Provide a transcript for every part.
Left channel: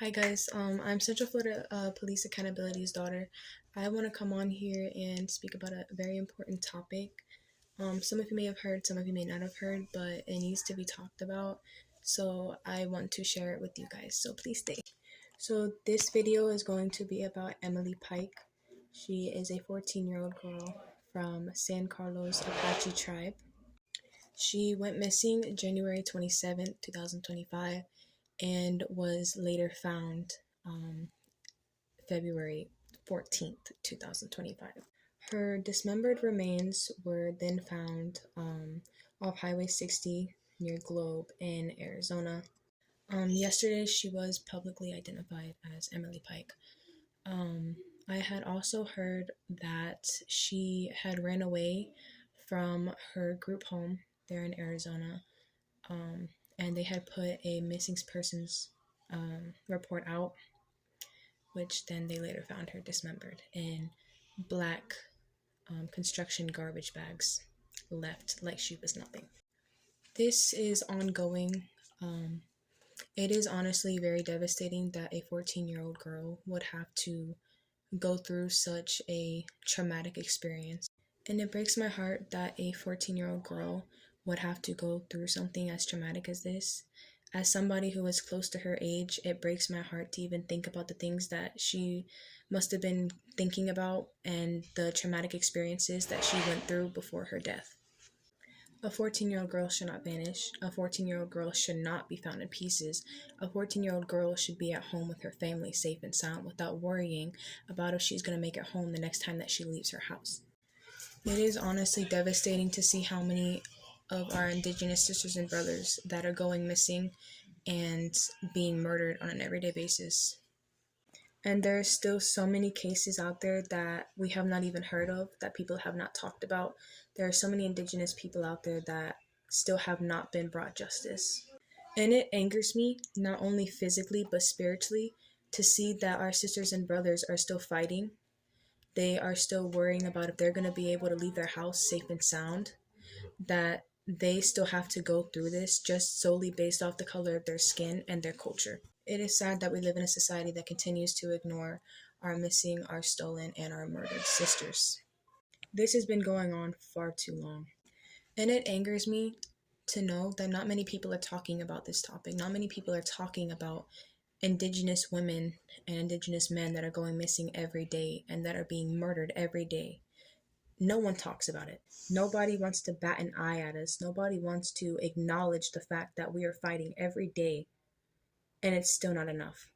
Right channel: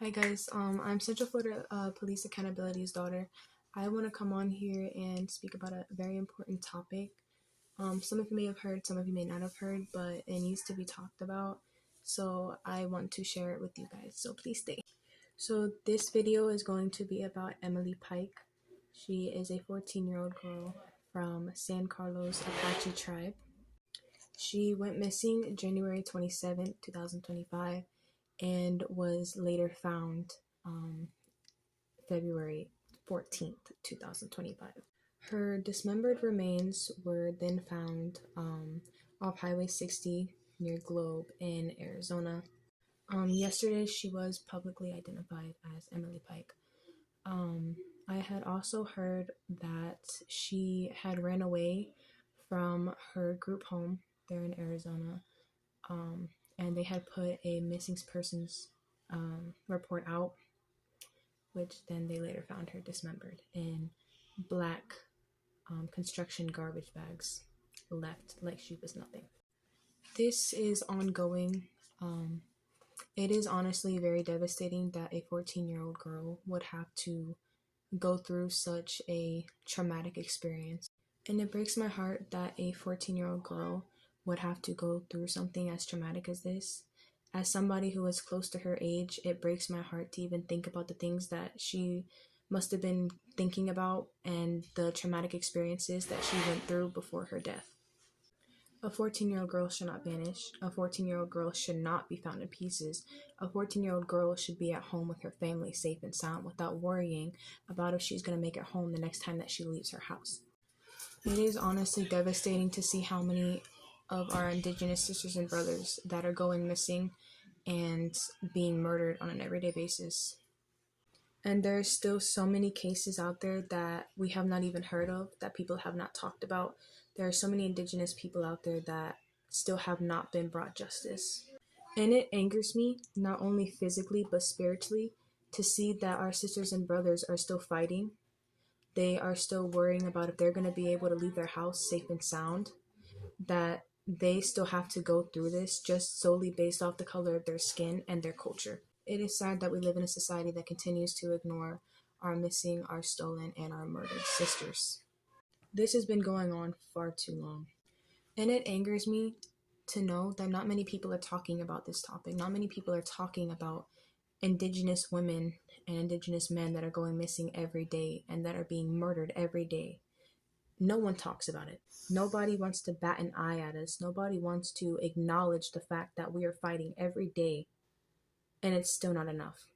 Hi guys, I'm Central Florida Police Accountability's daughter. I want to come on here and speak about a very important topic. Some of you may have heard, some of you may not have heard, but it needs to be talked about. So I want to share it with you guys. So please stay. So this video is going to be about Emily Pike. She is a 14-year-old girl from San Carlos Apache tribe. She went missing January 27th, 2025 and was later found February 14th, 2025. Her dismembered remains were then found off Highway 60 near Globe in Arizona. Yesterday, she was publicly identified as Emily Pike. I had also heard that she had ran away from her group home there in Arizona, and they had put a missing persons report out, which then they later found her dismembered in black construction garbage bags, left like she was nothing. This is ongoing. It is honestly very devastating that a 14-year-old girl would have to go through such a traumatic experience. And it breaks my heart that a 14-year-old girl would have to go through something as traumatic as this. As somebody who is close to her age, it breaks my heart to even think about the things that she must have been thinking about and the traumatic experiences that she went through before her death. A 14-year-old girl should not vanish. A 14-year-old girl should not be found in pieces. A 14-year-old girl should be at home with her family, safe and sound, without worrying about if she's going to make it home the next time that she leaves her house. It is honestly devastating to see how many of our Indigenous sisters and brothers that are going missing and being murdered on an everyday basis. And there are still so many cases out there that we have not even heard of, that people have not talked about. There are so many Indigenous people out there that still have not been brought justice. And it angers me, not only physically but spiritually, to see that our sisters and brothers are still fighting. They are still worrying about if they're going to be able to leave their house safe and sound, that they still have to go through this just solely based off the color of their skin and their culture. It is sad that we live in a society that continues to ignore our missing, our stolen, and our murdered sisters. This has been going on far too long. And it angers me to know that not many people are talking about this topic. Not many people are talking about Indigenous women and Indigenous men that are going missing every day and that are being murdered every day. No one talks about it. Nobody wants to bat an eye at us. Nobody wants to acknowledge the fact that we are fighting every day, and it's still not enough.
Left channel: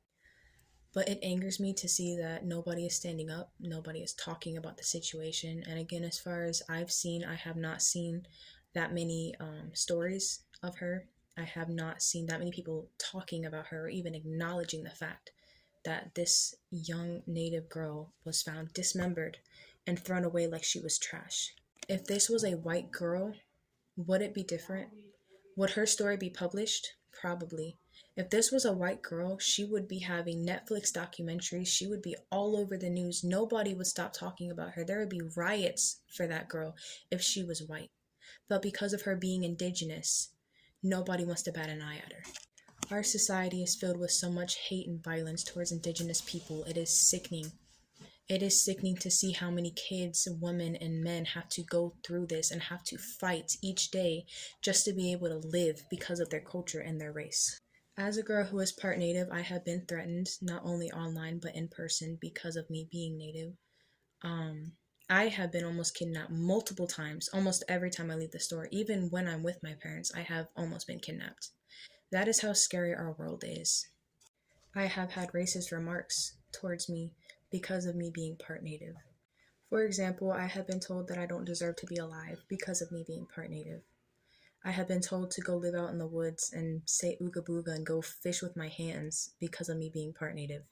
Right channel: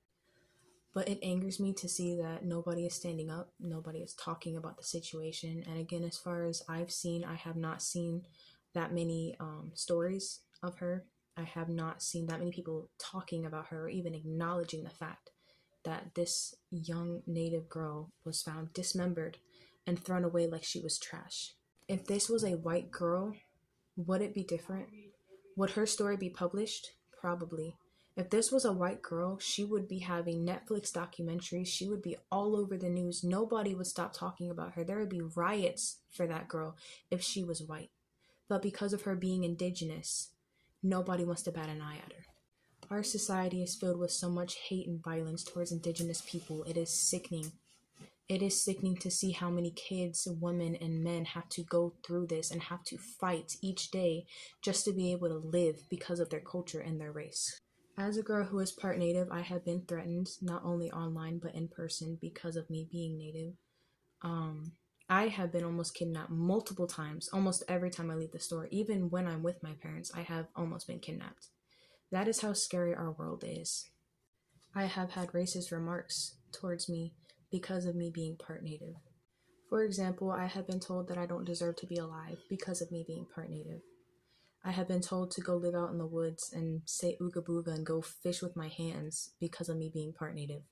But it angers me to see that nobody is standing up. Nobody is talking about the situation. And again, as far as I've seen, I have not seen that many stories of her. I have not seen that many people talking about her or even acknowledging the fact that this young Native girl was found dismembered and thrown away like she was trash. If this was a white girl, would it be different? Would her story be published? Probably. If this was a white girl, she would be having Netflix documentaries. She would be all over the news. Nobody would stop talking about her. There would be riots for that girl if she was white. But because of her being Indigenous, nobody wants to bat an eye at her. Our society is filled with so much hate and violence towards Indigenous people. It is sickening. It is sickening to see how many kids, women, and men have to go through this and have to fight each day just to be able to live because of their culture and their race. As a girl who is part Native, I have been threatened, not only online but in person, because of me being Native. I have been almost kidnapped multiple times, almost every time I leave the store. Even when I'm with my parents, I have almost been kidnapped. That is how scary our world is. I have had racist remarks towards me because of me being part Native. For example, I have been told that I don't deserve to be alive because of me being part Native. I have been told to go live out in the woods and say ooga booga and go fish with my hands because of me being part Native.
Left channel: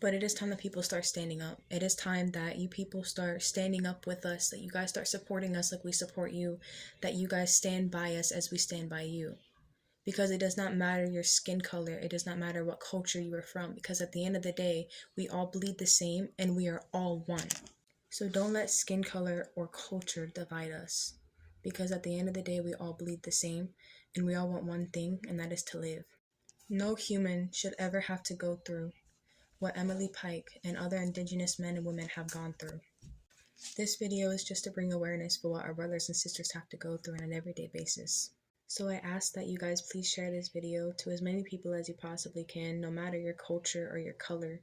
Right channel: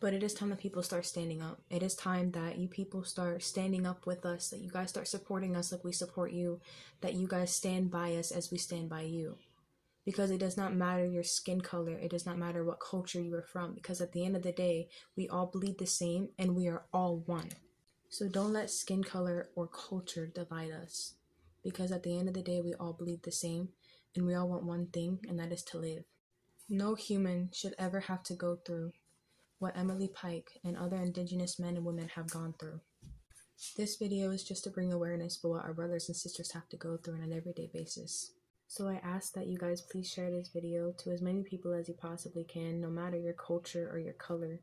But it is time that people start standing up. It is time that you people start standing up with us, that you guys start supporting us like we support you, that you guys stand by us as we stand by you. Because it does not matter your skin color, it does not matter what culture you are from, because at the end of the day, we all bleed the same and we are all one. So don't let skin color or culture divide us, because at the end of the day, we all bleed the same and we all want one thing, and that is to live. No human should ever have to go through what Emily Pike and other Indigenous men and women have gone through. This video is just to bring awareness for what our brothers and sisters have to go through on an everyday basis. So I ask that you guys please share this video to as many people as you possibly can, no matter your culture or your color.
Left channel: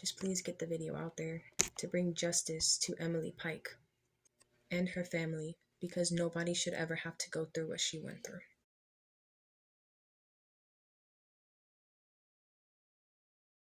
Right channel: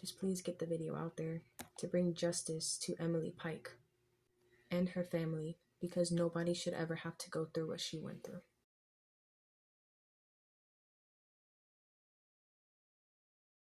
Just please get the video out there to bring justice to Emily Pike and her family, because nobody should ever have to go through what she went through.